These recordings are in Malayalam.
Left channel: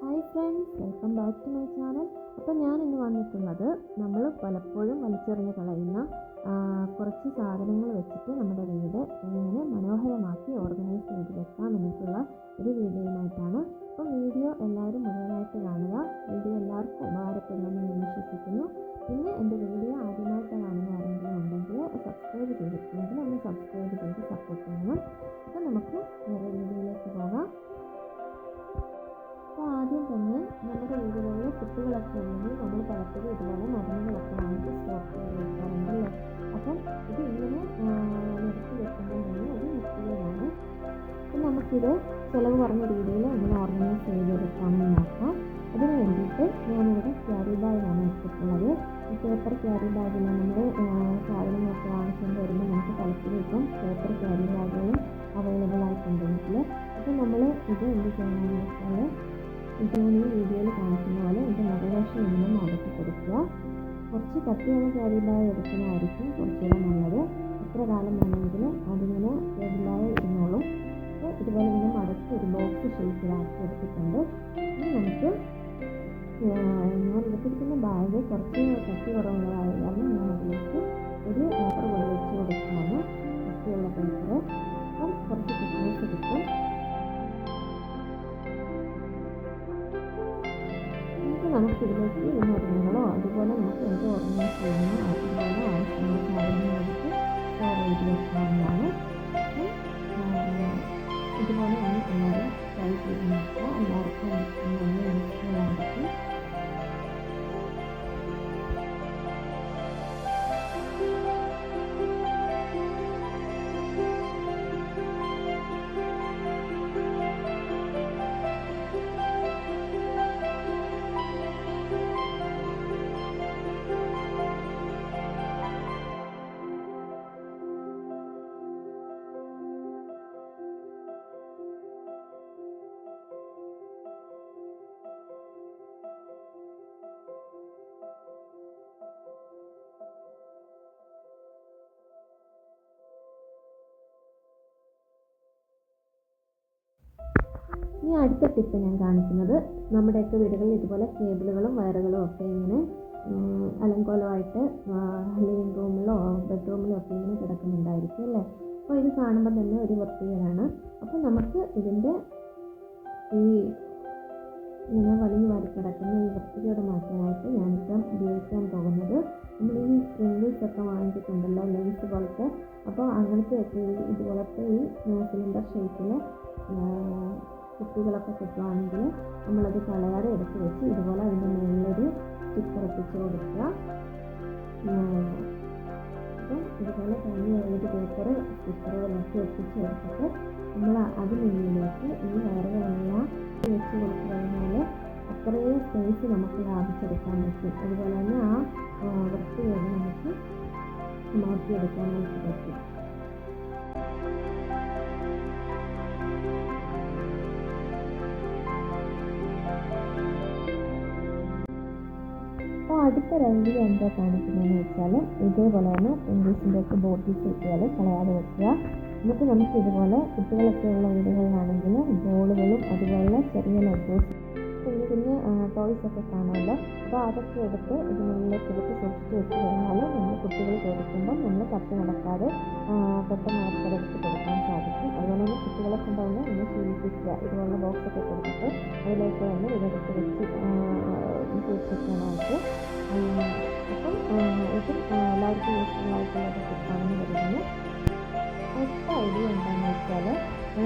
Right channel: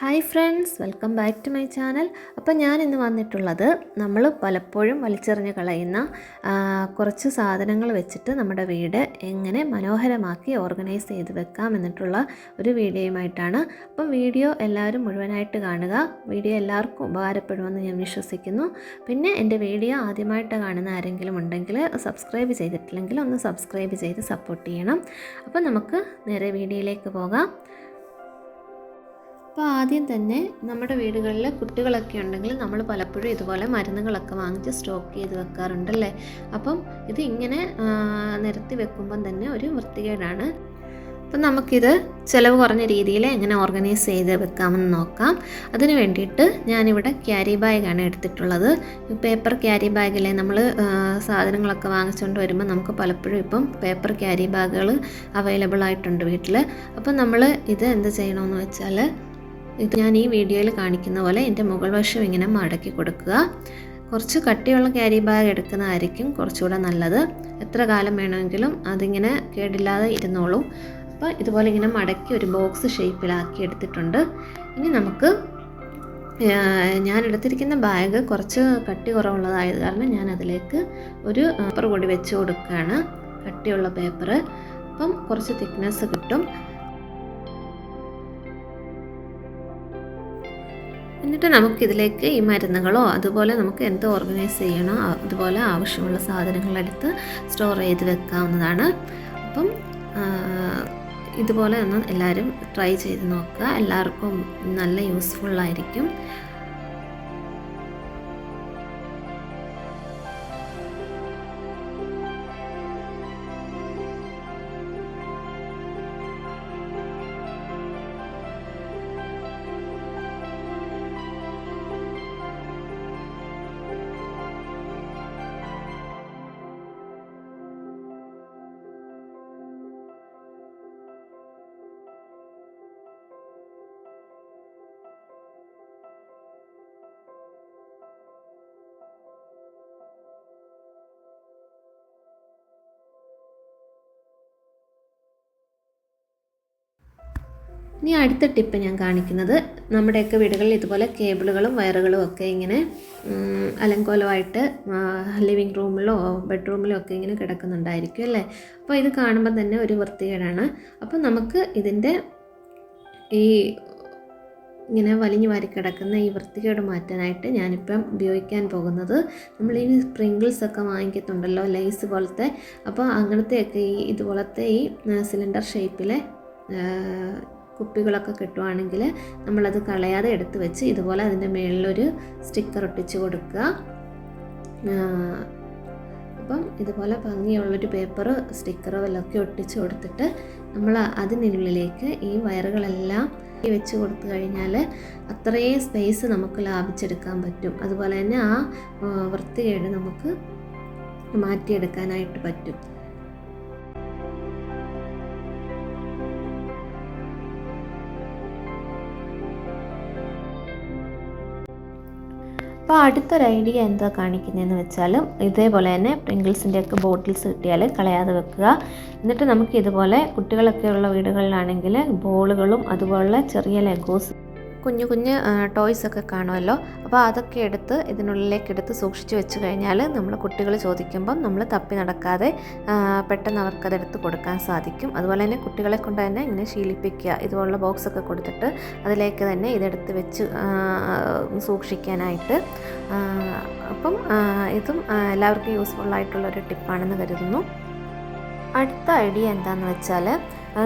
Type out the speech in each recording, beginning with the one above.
Hi friends, welcome back to my channel. അപ്പോൾ ഞാൻ ഇന്ന് വന്നിട്ടുള്ളത് നമ്മൾ പലപ്പോഴും വലിച്ചെറിഞ്ഞ് കളയുന്ന കുറച്ച് സാധനങ്ങൾ വെച്ചിട്ട് നമ്മുടെ വീട് എങ്ങനെ മനോഹരമാക്കി ഓർഗനൈസ് ചെയ്ത് വെക്കാം എന്നിട്ടുള്ള ഒരു വീഡിയോയുമായിട്ടാണ്. അപ്പം വീഡിയോ എല്ലാവരും മുഴുവനായിട്ട് കാണുക. വീഡിയോ എല്ലാവർക്കും ഉപകാരപ്പെടുമെന്ന് ഞാൻ വിശ്വസിക്കുന്നു. പിന്നെ എൻ്റെ വീഡിയോ ആദ്യമായിട്ട് കാണുന്ന ആരെങ്കിലും ഉണ്ടെങ്കിൽ സബ്സ്ക്രൈബ് ചെയ്തിട്ടില്ലെങ്കിൽ ഒന്ന് സബ്സ്ക്രൈബ് ചെയ്ത് സപ്പോർട്ട് ചെയ്യണം. അപ്പോൾ നമുക്ക് നേരെ വീഡിയോയിലേക്ക് പോകാം. അപ്പോൾ ആദ്യം തന്നെ നമ്മുടെ വീടുകളിൽ കുട്ടികളൊക്കെ ഉണ്ടെങ്കിൽ നമ്മൾ പലപ്പോഴും ഇതുപോലെ മരുന്നുകളൊക്കെ വാങ്ങിച്ച് സ്റ്റോക്ക് ചെയ്ത് വെക്കാറുണ്ടല്ലേ. അപ്പം ഇത് ഇങ്ങനെ നിരത്തി വെക്കുമ്പം തന്നെ ഒരു വൃത്തികേടാണ്. അപ്പം നമുക്കിത് ചിലവ് കുറഞ്ഞ രീതിയിൽ എങ്ങനെ ഓർഗനൈസ് ചെയ്ത് വെക്കാമെന്ന് നോക്കാം. അതിന് വേണ്ടിയിട്ട് ഞാനിവിടെ ക്യാരി ബാഗാണ് എടുത്തിട്ടുള്ളത്. പേപ്പർ ക്യാരി ബാഗിലെ നമ്മൾ സാധനങ്ങളൊക്കെ വാങ്ങിച്ചുകൊണ്ട് വരുമ്പോൾ നമുക്ക് പലപ്പോഴും ഇപ്പം പേപ്പർ ക്യാരി ബാഗുകൾ അവൈലബിൾ ആയിട്ടുണ്ട് വീട്ടിൽ. അപ്പം നമ്മൾ ഇത് എന്ത് ചെയ്യണമെന്ന് വെച്ചാൽ, ഇത് ഞാൻ ഈ വീഡിയോയിൽ കാണിക്കുന്ന പോലെ എൻ്റെ മുകൾ വശം ഇങ്ങനെ മടക്കി കൊടുക്കുക. കുറച്ച് കട്ടിയുള്ള ക്യാരി ബാഗ് എടുക്കുന്നതായിരിക്കും കുറച്ചുകൂടെ നല്ലത്. എത്ര കാലം വേണമെങ്കിലും അതിങ്ങനെ കേടില്ലാതെ ഇരുന്നോളും. അപ്പോൾ ഇതുപോലെ ഇങ്ങനെ മടക്കി ഒരു ബോക്സ് ഷേപ്പിലാക്കി എടുത്തിട്ടുണ്ട്. ഇനി നമുക്ക് ഞാൻ എടുത്തിരിക്കുന്ന ബാഗ് കുറച്ച് കട്ടി കുറവുള്ളതായത് കാരണം ഞാൻ അതിലേക്ക് ഒരു പേപ്പർ കൂടി വെച്ച് കൊടുക്കുകയാണ്, കട്ടിയുള്ള പേപ്പർ. അപ്പം കുറച്ച് തിക്നെസ് കിട്ടും. എന്നിട്ട് നമുക്കിതിലേക്ക് ഈ മരുന്നുകളോ അതുപോലെ നമുക്ക് എന്ത് ഓർഗനൈസ് ചെയ്യണോ അതുപോലെ ആവശ്യമുള്ള സാധനങ്ങളെടുത്ത് സ്റ്റോർ ചെയ്ത് വെക്കാവുന്നതാണ്. അപ്പം ഇതുപോലെ ഒന്ന് എല്ലാവരും ട്രൈ ചെയ്ത് നോക്കുക. എല്ലാവർക്കും നല്ല യൂസ്ഫുള്ളായിരിക്കും. ഇനി അടുത്ത ടിപ്പ് ഞാൻ കാണിക്കുന്നത്, നമ്മുടെയൊക്കെ വീടുകളിൽ ഇതുപോലെ കേബിളുകളും വയറുകളും ഒക്കെ ഇങ്ങനെ അലങ്കോലമായിട്ട് ലിവിങ് റൂമിലോ ബെഡ്റൂമിലോ ഒക്കെ ഇങ്ങനെ കിടക്കുന്നുണ്ടായിരിക്കും അല്ലേ. അപ്പോൾ ഇത് കാണുമ്പോൾ തന്നെ ഒരു വൃത്തികേടാണ്. അപ്പോൾ നമുക്ക് ഇതിൻ്റെ ഈ ഇങ്ങനെ വലിഞ്ഞു വാരി കിടക്കുന്ന ഈ വൃത്തികേട് മാറ്റാനായിട്ട് ഞാനിപ്പം ഉപയോഗിക്കാൻ പോകുന്നത്, നമ്മൾ ഈ സ്പ്രിങ്കിൾസ് ഒക്കെ വാങ്ങിക്കത്തുണ്ടല്ലോ, ലേസ് പോലത്തെ. അപ്പോൾ അങ്ങനത്തെയൊക്കെ ഇതുപോലത്തെ ഈ സിലിണ്ടർ ഷേപ്പിലെ കുപ്പികളൊക്കെ കിട്ടുവാണെങ്കിൽ നമ്മളത് കളയാതെ എടുത്ത് വെച്ച് ഇതുപോലെ അതിൻ്റെ മുകളിലൊരു സ്റ്റിക്കർ ഒട്ടിച്ച് കൊടുക്കുക. അപ്പം ഇതുപോലെ ഭംഗിയുള്ളൊരു പേപ്പർ സ്റ്റിക്കറോ എല്ലൊക്കെ ഒട്ടിച്ച് കൊടുത്തിട്ട് നമ്മൾ അതിനുള്ളിലേക്ക് ഈ വയറുകളെല്ലാം വെച്ച് കൊടുത്തു കഴിഞ്ഞാൽ അത്രയും സ്പേസ് നമുക്ക് ലാഭിച്ചെടുക്കാൻ പറ്റും. അതുപോലെ തന്നെ ആ വൃത്തികേട് നമുക്ക് മാറ്റിയെടുക്കാനായിട്ട് പറ്റും. അപ്പോൾ അടുത്തൊരു ഐഡിയ എന്താ കാണിക്കുന്നതെന്ന് വെച്ചാൽ, ഇതേപോലെ തന്നെ പ്രിങ്കിൾസിൻ്റെ ഒക്കെ ബോട്ടിൽസ് കിട്ടിയാൽ കളയാതെ വെക്കുക. എന്നിട്ട് നമുക്ക് ഇതുപോലെ കുട്ടികളൊക്കെ ഉള്ള വീടുകളിലാണെങ്കിൽ ബോളുകളും അതുപോലെ ചെറിയ ലെഗോസ് കുഞ്ഞു കുഞ്ഞ് ടോയ്സൊക്കെ കാണുമല്ലോ. അപ്പോൾ അതൊക്കെ എടുത്ത് ഇതിനുള്ളിലേക്ക് എടുത്ത് സൂക്ഷിച്ച് വെച്ച് കഴിഞ്ഞാൽ നമ്മൾ കുട്ടികൾ ചോദിക്കുമ്പം നമ്മൾ തപ്പി നടക്കാതെ പെട്ടെന്ന് അവർക്കതെടുത്ത് കൊടുക്കാൻ സാധിക്കും. അതുപോലെ തന്നെ കുട്ടികളെ കൊണ്ട് തന്നെ ഇങ്ങനെ ശീലിപ്പിക്കുക, ഇതുപോലുള്ള ബോക്സൊക്കെ കൊടുത്തിട്ട് അതിലേക്ക് തന്നെ ഇതെടുത്ത് വെച്ച് സൂക്ഷിക്കാനായിട്ട്. അപ്പം ഇതും എല്ലാവർക്കും യൂസ്ഫുള്ളായിട്ടുള്ളൊരു ടിപ്പാണെന്ന് കരുതുന്നു. അടുത്ത ഐഡിയ എന്താണെന്ന് വെച്ചാൽ,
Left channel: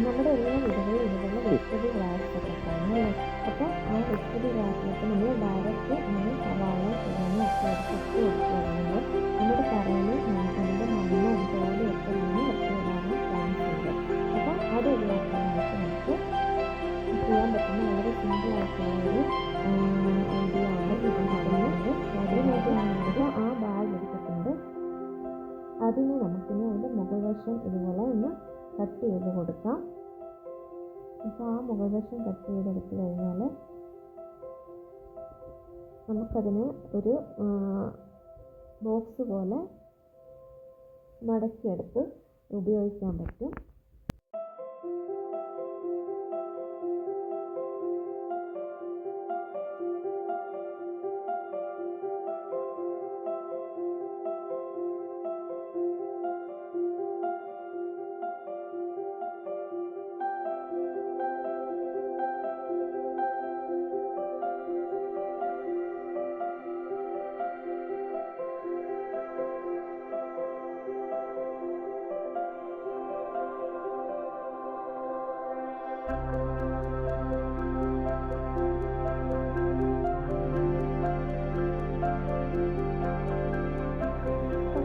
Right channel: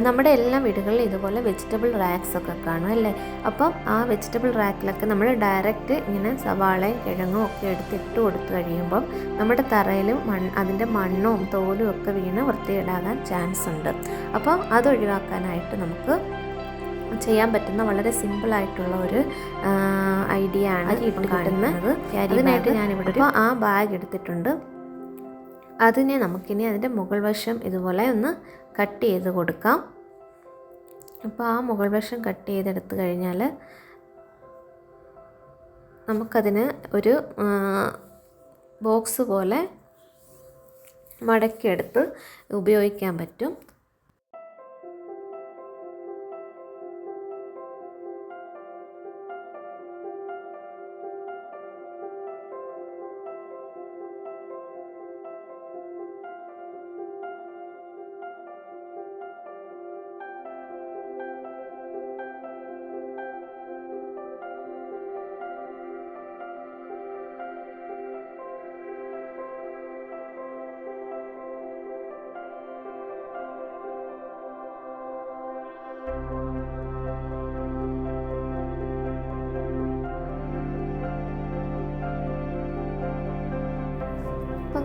നമ്മുടെ എല്ലാ വീടുകളിലും ഇതുപോലെ വെജിറ്റബിൾ റാക്സ് ഒക്കെ കാണും അല്ലേ. അപ്പം ആ വെജിറ്റബിൾ റാക്കിലൊക്കെ നമ്മൾ ഡയറക്റ്റ് ഇങ്ങനെ സവാളയും കിഴങ്ങും ഒക്കെ എടുത്തിട്ട് കൊടുത്തു കഴിയുമ്പം നമ്മുടെ തറയിലും അതിൻ്റെ മണ്ണും തോലും ഒക്കെ വീണ് വൃത്തികേടാകാൻ ചാൻസ് ഉണ്ട്. അപ്പം അതൊഴിവാക്കാനായിട്ട് നമുക്ക് ചെയ്യാൻ പറ്റുന്ന വളരെ സിമ്പിളായിട്ടുള്ള ഒരു ഐഡിയ ആണ് ഇപ്പോൾ കാണുന്നത്. അതിനായിട്ട് ഞാനിവിടെ ഇപ്പോൾ ആ ബാഗ് എടുത്തിട്ടുണ്ട്. അതിനെ നമുക്കിനി അതിൻ്റെ മുകൾ വശം ഇതുപോലെ ഒന്ന് കട്ട് ചെയ്ത് കൊടുക്കാം. അപ്പോൾ ആ മുകൾ വശം കട്ട് ചെയ്തെടുത്ത് കഴിഞ്ഞാൽ നമുക്കതിന് ഒരു ബോക്സ് പോലെ മടക്കിയെടുത്ത് ഉപയോഗിക്കാൻ പറ്റും.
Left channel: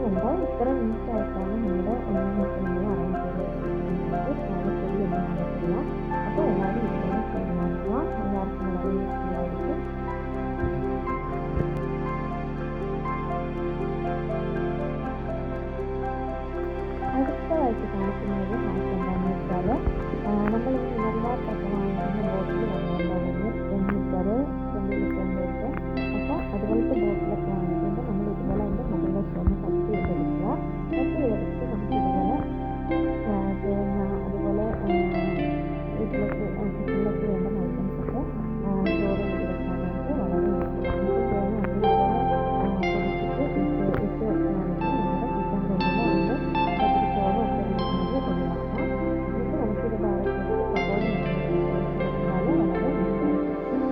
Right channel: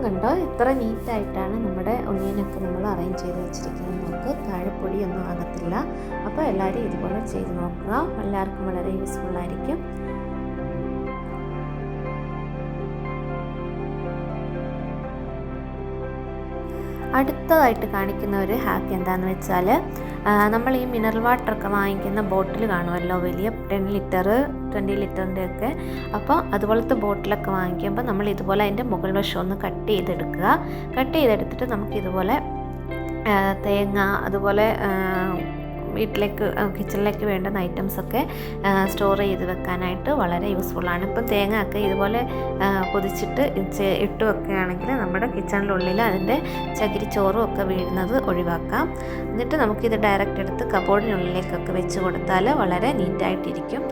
കണ്ടോ എത്ര നീറ്റായിട്ടാണ് നമ്മുടെ ഒന്നിയനൊക്കെ നമ്മൾ അറേഞ്ച് ചെയ്ത് വെച്ചിരിക്കുന്നത്. നമുക്ക് താഴെ പൊടിയൊന്നും ആകത്തില്ല. അപ്പോൾ എല്ലാവരും ഇതുപോലെ ചെയ്ത് നോക്കുക. എല്ലാവർക്കും വളരെ യൂസ്ഫുൾ ആയിരിക്കും. അടുത്തതായിട്ട് കാണിക്കുന്ന ഒരു ഹാക്ക് എന്താണെന്ന് വെച്ചാൽ, നമ്മൾ ഈ മിനറൽ വാട്ടറൊക്കെ വാങ്ങിക്കുന്ന ബോട്ടിൽ കാണുമല്ലോ, വലിയ 10 ലിറ്റർ 20 ലിറ്ററിൻ്റെ ഒക്കെ. അപ്പോൾ അതുപോലത്തെ ബോട്ടിലൊക്കെ വാങ്ങിക്കുമ്പോൾ നമ്മൾ ഇതുപോലെ അതിൻ്റെ മുകൾ വശം ഒന്ന് കട്ട് ചെയ്തെടുക്കുക. കട്ട് ചെയ്തെടുത്തിട്ട് നമുക്കിതുപോലെ തേങ്ങ, അതുപോലെ വീട്ടിലേക്ക് കിച്ചണിലേക്ക് വേണ്ടുന്ന ഐറ്റംസൊക്കെ സ്റ്റോർ ചെയ്ത് വെക്കാനായിട്ട് വളരെ യൂസ്ഫുള്ളാണ്. ഇപ്പം തേങ്ങ ഒക്കെ ഇതുപോലെ പൊതിച്ചിട്ട് ഇട്ട് വെക്കുകയാണെങ്കിൽ നമ്മുടെ കിച്ചണിനുള്ളിൽ അതിൻ്റെ ചകിരിച്ചോറും ഒക്കെ വീഴുന്നത് ഒഴിവാക്കാം. എന്നിട്ട് നമുക്കിത് ഡയറക്റ്റ് എടുത്ത് കബോർഡിനുള്ളിലേക്കൊക്കെ വെച്ച് കൊടുത്താൽ വളരെ നീറ്റായിട്ടിരിക്കും.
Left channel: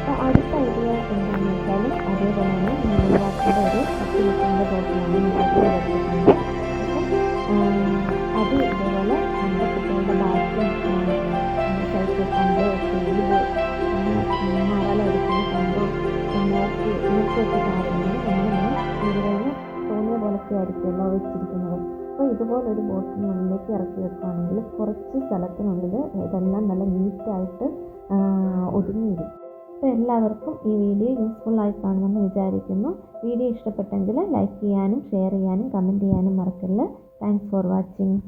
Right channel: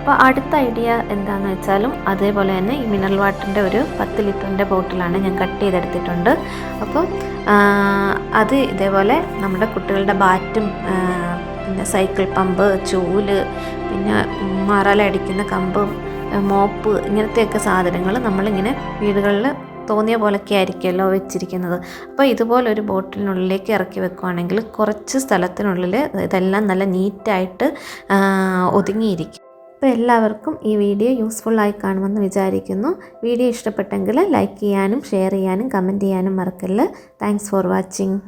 അപ്പോൾ അടുത്ത ഐഡിയ എന്താണെന്ന് വെച്ചാലും അതേപോലെ തന്നെ ഈ മിനറൽ വാട്ടറിൻ്റെ ഒരു 10 ലിറ്ററിൻ്റെ ബോട്ടിലാണ് ഞാൻ കട്ട് ചെയ്തെടുത്തിട്ടുണ്ട്. അപ്പോൾ അത് ഇതേപോലെ നമ്മുടെ കുട്ടികളുടെ ബാറ്റും, പിന്നെ സൈക്കിൾ പമ്പ്, ചൂല്, പിന്നെ മറലടിക്കുന്ന കമ്പ്, മോപ്പ്, ഇങ്ങനത്തെയൊക്കെ സാധനങ്ങൾ നമ്മളിങ്ങനെ വീടുകളിൽ തോന്നിയ പോലൊക്കെ ആയിരിക്കുമല്ലോ വെച്ചിരിക്കുന്നത്. അപ്പോൾ ഇതുപോലൊരു ബോട്ടിലിനുള്ളിലേക്ക് ഇറക്കി വെക്കുകയാണെങ്കിൽ കുറച്ച് സ്ഥലത്തിനുള്ളിൽ ഇതെല്ലാം നല്ല നീറ്റായിട്ട് ഒതുങ്ങിയിരിക്കും. അപ്പോൾ എല്ലാവർക്കും ഈ വീഡിയോ യൂസ്ഫുള്ളായി കാണുമെന്ന് വിചാരിക്കുന്നു. വീഡിയോ ഇഷ്ടപ്പെട്ടെങ്കിൽ ലൈക്ക് ചെയ്യാനും ഷെയർ ചെയ്യാനും കമൻറ്റ് ചെയ്യാനും മറക്കല്ല്. Thanks for watching.